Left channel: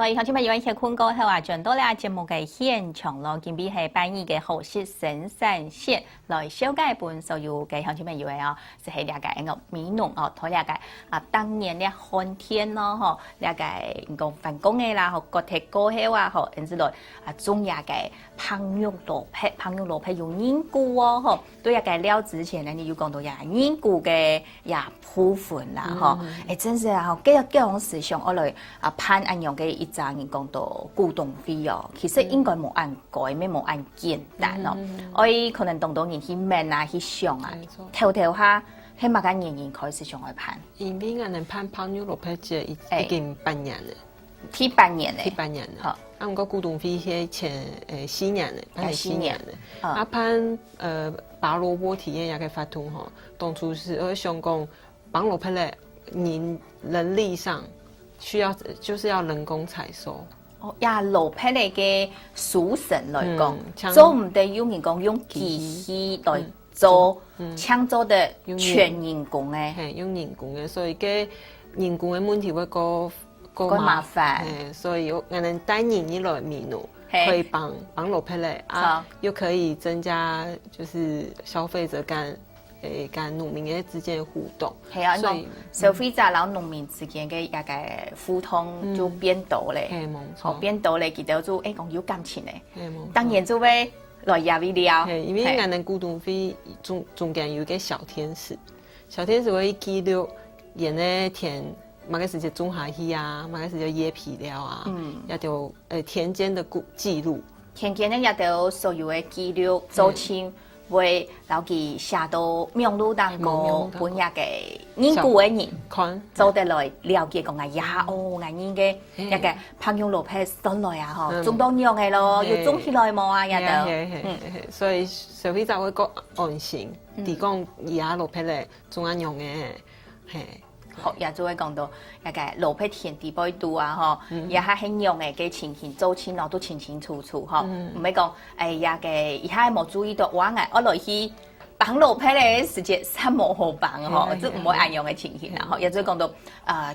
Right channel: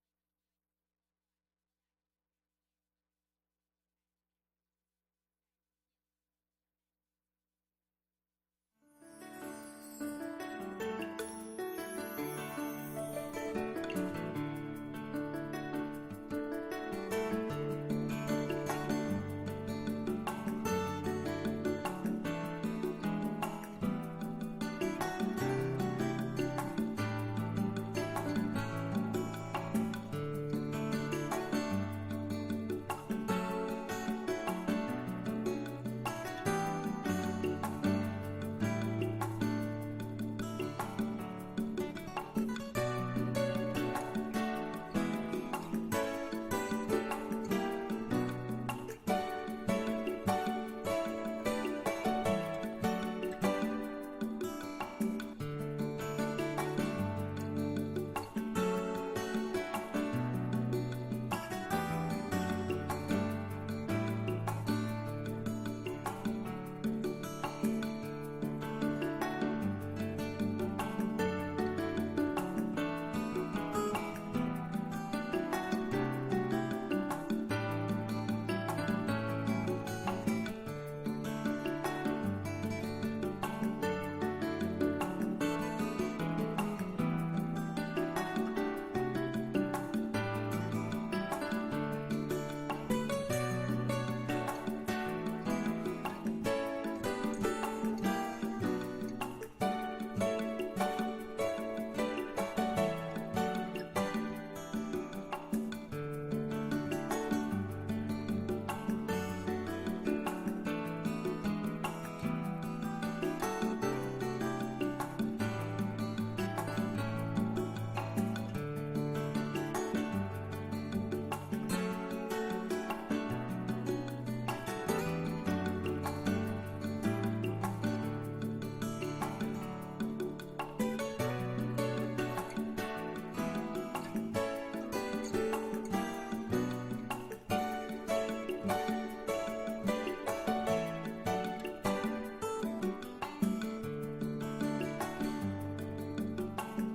來，鄉親們有一些困過後啊，轉到了節目嘅現場咯，今邊係辦理嘅好事生產線來紹介本所有嘅鄉親們以為啊，是係了解個美濃哦，同了解啊當年嘅寒天咯，嗬，了解個辦公嘅啦，嗬，國鐵過後啊，嗬，因此來啊種也嘅烹飪蘿蔔有凝固哦，嗬，對也嘅了之前呢，你有講到也凝固嘅也部分啦，嗬，誒真是啊，幾樣事上我來啊判按樣嘅一陣人講到古董費哦，其實應該冇按改，咩冇按簡單咯，我可能當到人去問啊，去想啊，跳下，起碼間人開始上去判。因為我哋判烹飪蘿蔔節已經半年了。ที่半年嘞，ที่半年，好。啊，我古董費係前4年嘞，係4年嘞。啊，判拔蘿蔔體驗也個法度吼，當初是我想講綁蘿蔔嘞，人力上需要就是要人工採收。哦，呀，蘿蔔嘞嘅屬神來講，做唔得有人講用機器來做，搶做的全人工嘅，係用人工嘅，所以嘅人工嘅問題會個麻煩，所以我能帶人一來米農，可以綁蘿蔔嘞啊，又可以增加就是消費者跟農民嘅之間嘅互動。係啊，所以消費者然後農民之間嘅一個互動就變多咧，好變多咧，佢哋就講有感情咧，當然就會來壓力了。因為我哋古董費中間有個小天使會記錄人咧田。馬個時就種下去啊，馬個時就椰皮了啊，也就田間的記錄，田間呢也都所有的記錄，做清會留記寫到名錄當中，本日嘅凝固嘅人，做得來了解講呀，哦，我人嘅一個烹飪蘿蔔上來啊，嗬，種當樣嘅咯，要種起來冇啊，也都，所以消費者會覺安心，地講呀蘿蔔咧種安樣嘅，係。學也就會講到一個蘿蔔田地杯度啊，嗬，也係很用嘅，嘅情形做清咯，都清清楚楚，嗬，唔係講呀嘅，而家冇注意到，我來去綁蘿蔔嘅時間係冇好綁，嗬，即唔會按樣嘅情形啦，嗬，也就講到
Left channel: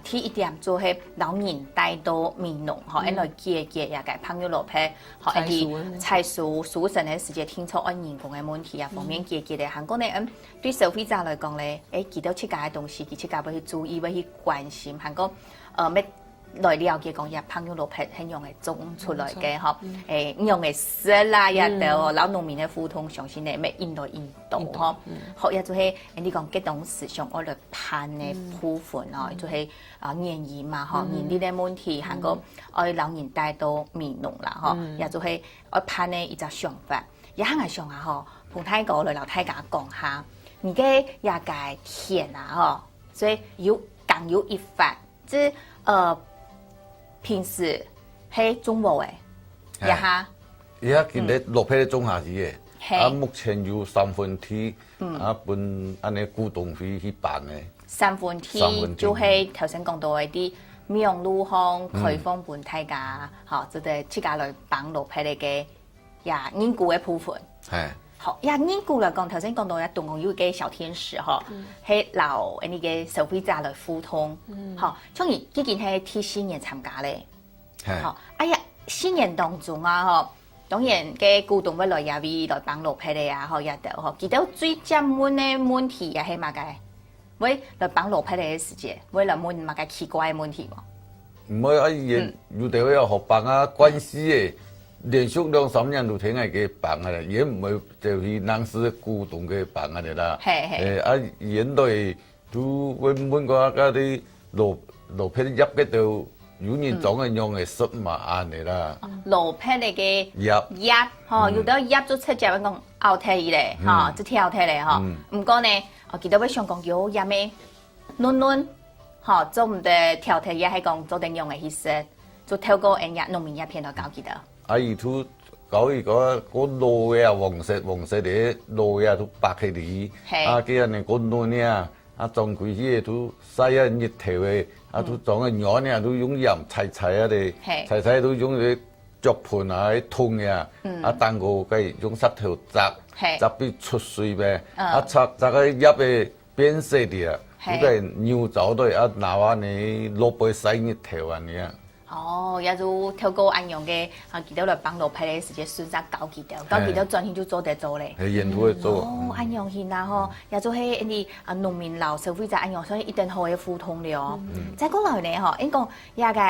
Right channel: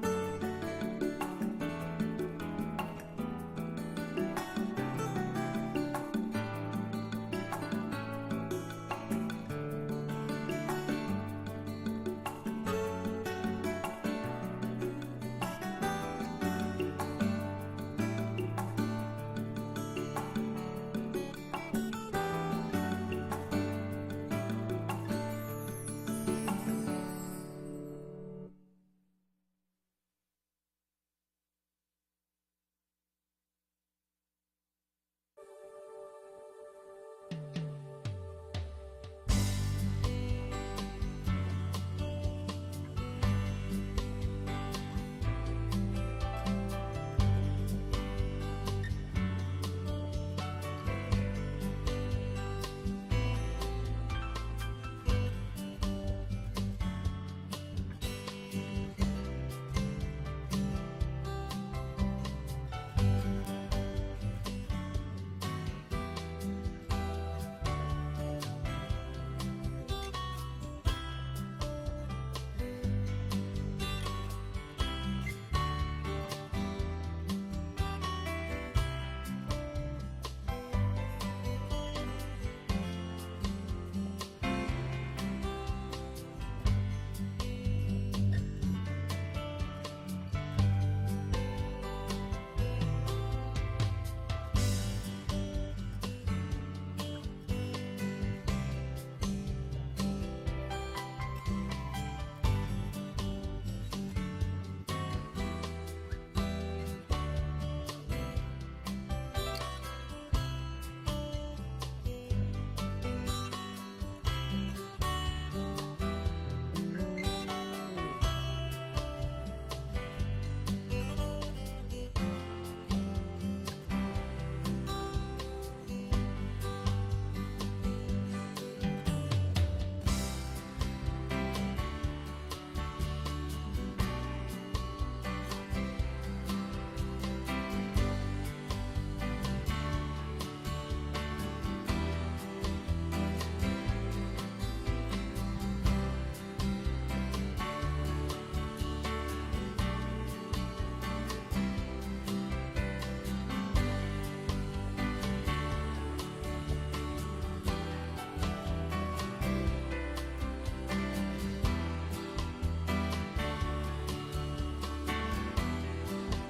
第一點做係老人帶到民農，嗬，一來結也個烹飪蘿蔔，嗬，一啲採收成嘅時間清楚按人工嘅問題啊，方面結嘅，韓國呢，對消費者來講咧，見到出價嘅東西，佢出價要去注意，要去關心，韓國咩來了解講，也烹飪蘿蔔係用嚟種出來嘅，嗬，用嚟食啦，也就老農民嘅互動，相信咧，咩印度。嗬，學嘢就係你講激動時上我哋判嘅部分哦，就係年義嘛，嗬，年啲嘅問題，韓國我老人帶到民農啦，嗬，也就係我判嘅一個想法，也係我想下嗬，同大家來老大家講下，而家也個田啊，嗬，所以更有一法，即平時係種無嘅，也嚇，而家見你蘿蔔種下去嘅。啊，目前有3分之啊，本安尼古董費去辦嘅。3分之就係頭先講到嘅啲名錄項開放本大家，嗬，就係自家來綁蘿蔔嘅呀凝固嘅部分。係。好，呀凝固嚟講，頭先講到嘅動物有個小天使，嗬，係留呢個消費者來互動，嗬，從而呢件係替新年參加咧。係。好，哎呀，新年當中啊，嗬。當然，嘅古董要來也會來綁蘿蔔的呀，嗬，也得嗬。記得最正門嘅問題也係乜嘅？會來綁蘿蔔嘅時節，會來問乜嘅奇怪嘅問題冇？唔會啊，現有地會有學綁啊，關係嘅連續2-3年都聽係嘅綁嘅啦，也唔會就是當時古董嘅綁嘅啦。係。啊，現在都問過嗰啲蘿蔔入嘅度。有人種嘅用嘅濕麻案嚟啦，蘿蔔嚟嘅葉，嗬，有啲葉都出隻講拗體咧，嗬，即跳體咧，嗬。唔過呢，我記得我想講叫葉咩，嫩，嗬，做唔得跳體也係講做定用嘅意思，就透過人家農民一片來搞記得。啊，而都搞一個蘿呀黃色嘅蘿呀都白起嚟，啊，幾人嚟個嫩呀。啊，種佢啲都曬一熱頭嘅，啊都種嘅葉呢都用鹽齊啊哋，齊都用啲竹盤啊啲通嘅，啊蛋糕嘅用石頭摘邊出水嘅，啊摘個葉嘅變色啲啊，嗰個牛走對啊拿話你蘿蔔曬熱頭啊你啊。哦，也就透过安样嘅，記得來幫老皮嘅時間選擇搞記得專心就做得做咧。沿途會做。哦，安樣現啊吼，也做係啲農民老消費者安樣，所以一定好嘅互通了。再過來咧吼，應講也個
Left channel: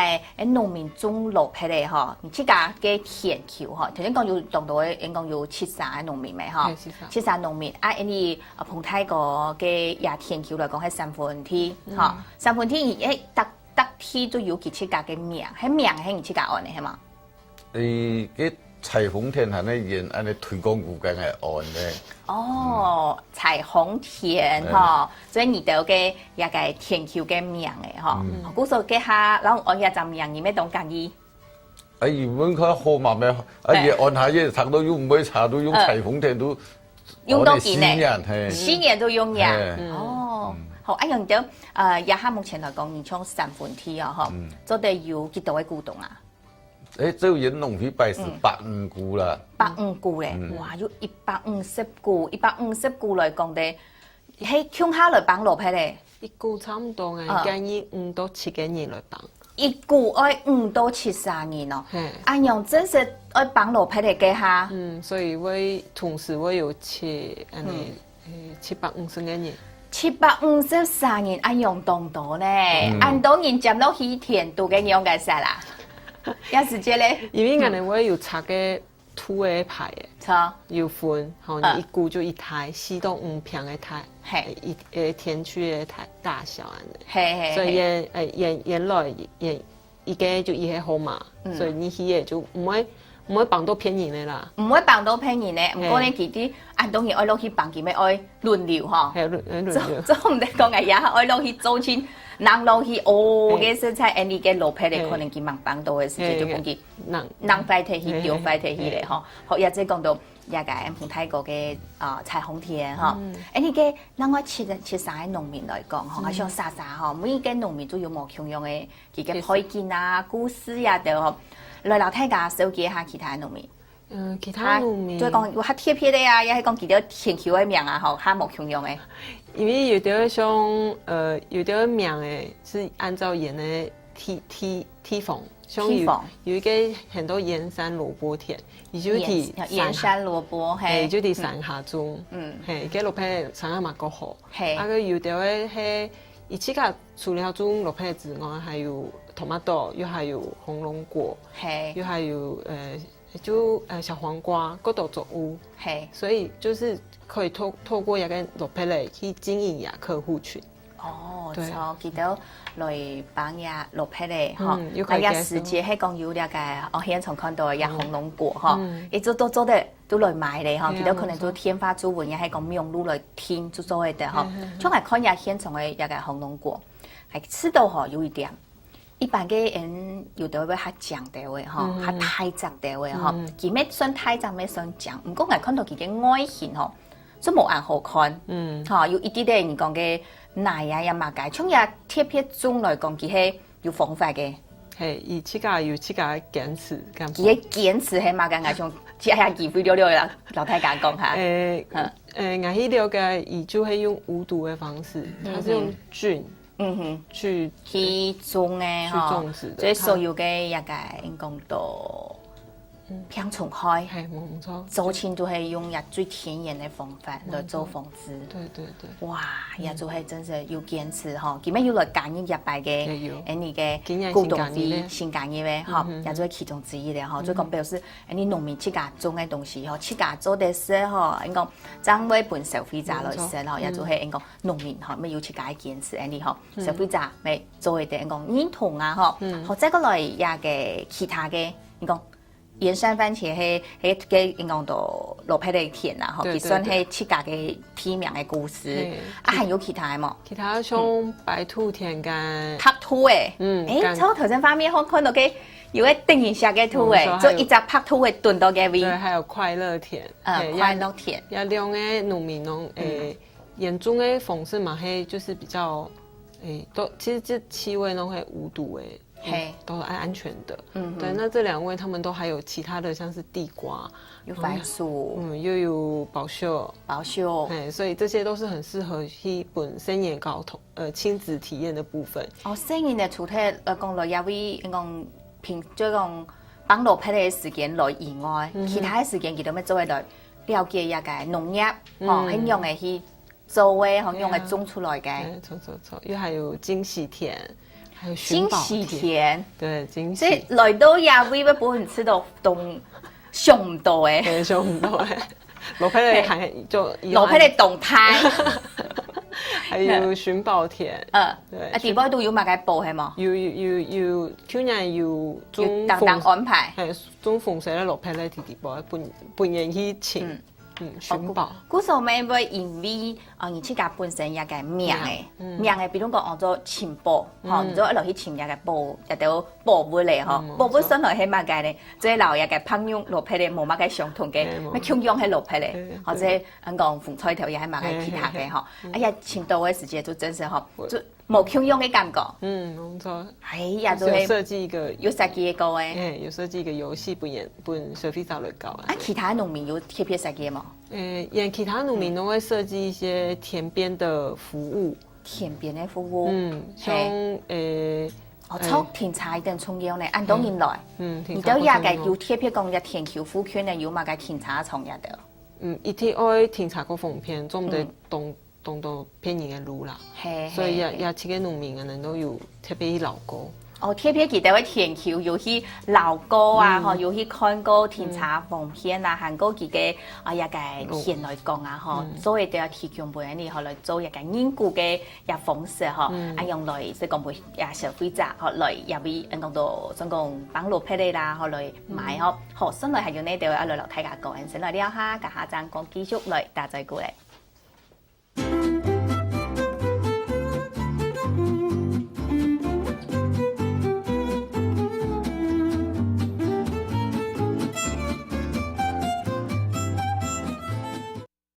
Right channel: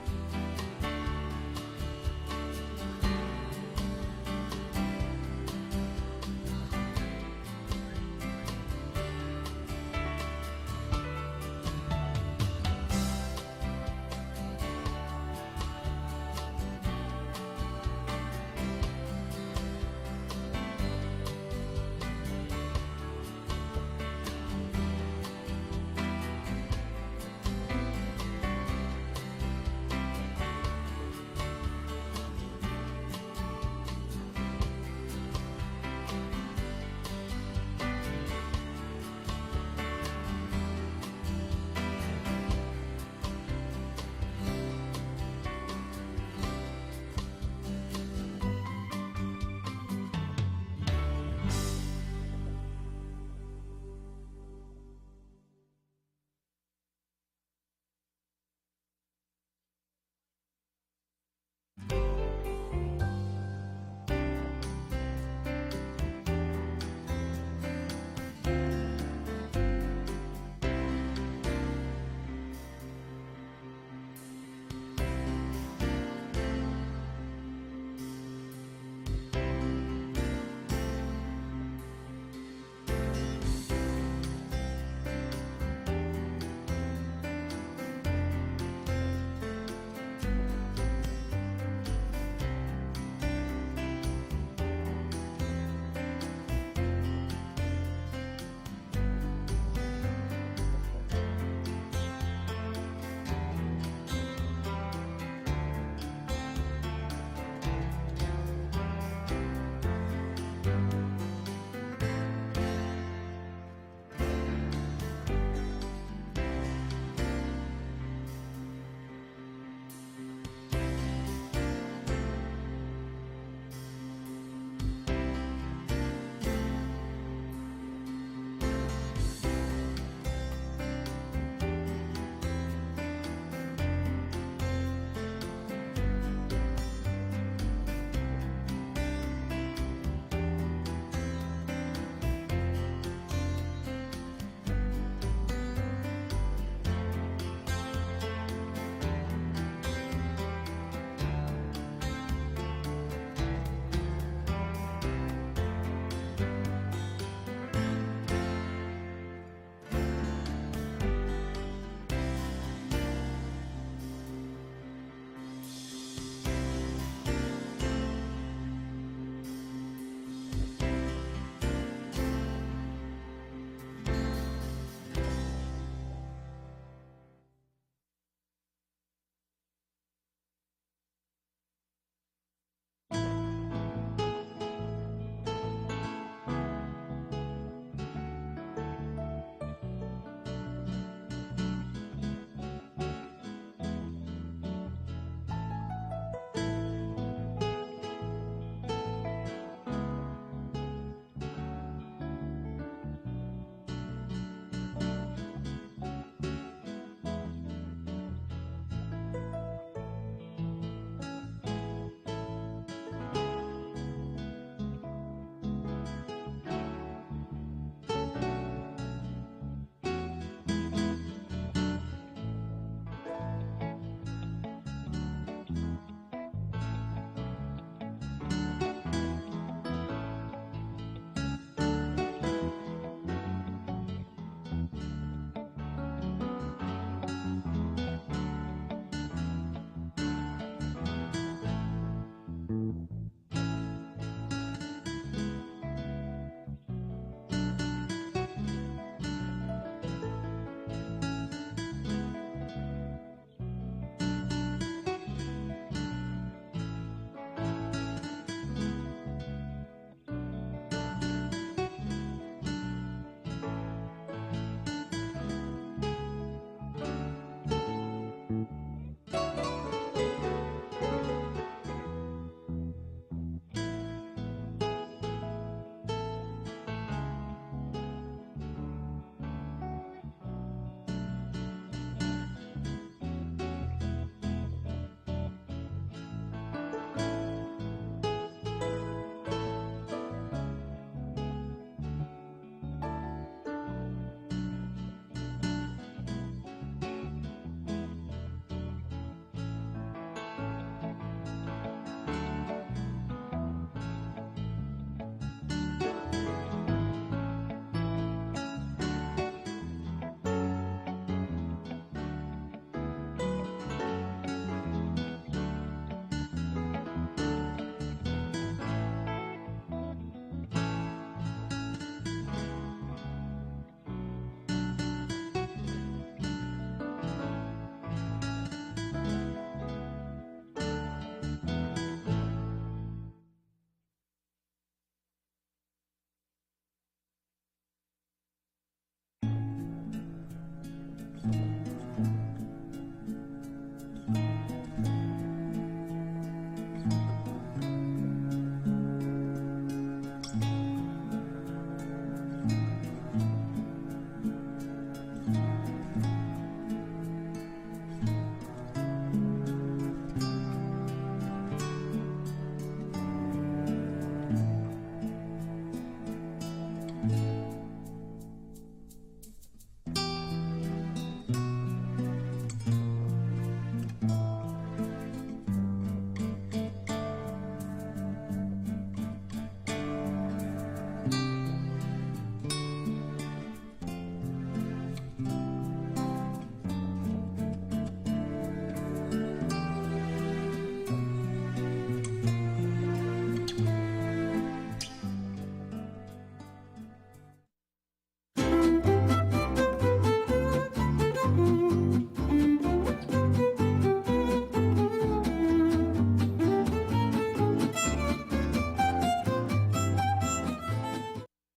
農民種老皮咧吼，自家嘅田橋吼，頭先講有當到嘅，應講有73個農民咪吼，73農民啊，啲彭泰個嘅也田橋來講係3分吼，3分而特天都要佢自家嘅名，喺名係佢自家按嘅係嘛？啲彩虹田係咧沿安尼推廣有間嘅按嘅。哦，彩虹田吼，所以你到嘅也個田橋嘅名嘅吼，古數嘅下，然後按下陣名，你咩當介意？原本佢號碼咩？按下嘢查到用唔會查到用彩虹田都用到幾年？4年都用呀。哦，好，一樣就也下目前來講，你從3分天啊，嗬，做得有幾多嘅股東啊？就引農皮擺是150股啦，150股咧，哇，要150股，150股來講的，喺鄉下來幫老皮咧，一股差唔多嘅，建議5到7個人來幫。一股愛5到73人咯，安樣真是愛幫老皮嚟嘅下。所以會同時會有750個人。753人安樣多呢？按多人接落去田度嘅樣嘅曬啦。有時間咧，因為我哋會有拆嘅土嘅牌嘅，有分，吼，一股就一台，4到5平嘅台，一田區嘅台大小安尼，所以原來一個就一個號碼，所以你去嘅就唔會綁到偏人嘅啦，唔會綁到偏人嘅，唔過你其啲按當然愛落去綁佢咪愛輪流嗬，做唔得講嘅嘢，愛落去做錢。人落去哦嘅食材，你嘅老皮咧可能佢忙幫到嘅時間就講佢人快提起，叫快提起咧嗬。學一即講到也個唔泰國嘅彩虹田嗬，你嘅另外73個農民來講嗬，我想莎嗬，每一個農民都有冇同樣嘅佢嘅配件啊、故事啊，就來老太家收集一下其他農民。其他農民再講有較貼片嘅啊，也係講佢哋田橋嘅名啊，嗬，較冇同樣嘅。因為有啲像有啲名誒是按照沿的梯縫，像有一個很多鹽山蘿蔔田，伊就係鹽山蘿蔔，係就係山下做，係嘅蘿蔔產量嘛夠好，係啊個有啲係伊自家除了做蘿蔔之外，還有 tomato， 又還有紅龍果，係又還有就小黃瓜嗰度作物，係所以就是。可以透過一個蘿蔔嚟去經營呀客戶群。哦，對，記得來幫呀蘿蔔咧，嗬，那呀時節係講有那個我現場看到呀紅龍果，嗬，一直都做得都來買咧，嗬，記得可能都天花祖文呀係講用路來聽就做嘅，嗬，從來看呀現場嘅那個紅龍果，係吃到嗬有一點，一般嘅人有的會較講的喎，嗬，較太雜的喎，嗬，佢咩算太雜咩算講，唔過我看到佢嘅外形，嗬。都冇眼好看，嚇有一啲啲人講嘅奶啊，又麻解，從日貼片中來講，佢係有方法嘅，係而自家有自家堅持，佢嘅堅持係麻解眼種，只係機會了啦，老太監講下。我去了解，伊就係用無毒嘅方式，它是用菌，去種嘅，去種植，所以所有嘅一個講到。香蟲開，做錢都係用日最天然嘅方法來做房子。對，哇，也就係真係要堅持嗬，佢咩要來揀一入嚟嘅，你嘅股東費先揀嘅咩？嗬，也就係其中之一咧嗬。所以講表示你農民自家種嘅東西嗬，自家做得食嗬，應該爭為本消費者來食嗬，也就係應該農民嗬，咪要自家堅持你嗬，消費者咪做嘅應該認同啊嗬，或者個來也嘅其他嘅，你講。鹽山番茄係嘅講到蘿蔔嘅田啊，嗬，佢算係自家嘅地名嘅故事。啊，還有其他冇？其他像白兔田跟拍兔誒，誒，我頭先畫面我看到嘅有一定型嘅兔誒，做一隻拍兔誒燉到嘅味。對，還有快樂田，快樂田。也兩個農民儂，嚴重嘅方式嘛，係就是比較。都其實這7位都會無毒都是安全的。對，那這2位他們都還有其他的，像是地瓜，有番薯，又有寶秀，所以這些都是很適合去本身也搞親子體驗的部分。哦，生人嘅廚體講落也會講平即講幫落批嘅時間來以外，其他嘅時間佢都咩做喺度了解一個農業，哦，很用嘅去做嘅，很用嘅種出來嘅。錯，又還有金喜田，還有金喜田，對，金喜。即係來到也會不本吃到東上唔到嘅，對，上唔到嘅。落批嚟係就落批嚟動態。還有尋寶田，對，啊，地方都有買個報係嘛？有，去年有中當安排，中逢社咧落批咧，地方半年去請尋寶。嗰時候咪會因為人自家本身一個名嘅，比如講我做錢寶，嚇，做一路去錢一個寶，特到寶貝嚟嗬，寶貝上來係乜嘅咧？即係留一個朋友落批咧，冇乜嘅相同嘅，咩強樣係落批咧，或者講風彩頭又係乜嘅其他嘅嗬。哎呀，錢到嘅時節就真係嗬，就冇強樣嘅感覺。冇錯。哎呀，就係設計一個有設計一個誒，有設計一個遊戲本收費稍微高。啊，其他農民有特別設計嗎？其他農民都會設計一些田邊的服務。田邊嘅服務，像做田茶一定重要咧。按當年來，而家也嘅要特別講嘅田橋附近咧，有乜嘅田茶廠入到。一天愛田茶個風片，做唔到動到偏遠嘅路啦。所以也設計農民嘅人都要特別勞過。哦，特別記得喺田橋要去勞過啊，嗬，要去看過田茶風片啊，行過佢嘅一個線來講啊，嗬，所以就要提供俾你學來做一個研究嘅一方式，嗬，啊用來即講會也消費者學來入邊當到怎講幫落批嚟啦，學來買嗬，學生來係用呢度一路睇下個人先來了下，下陣講繼續來大再過嚟。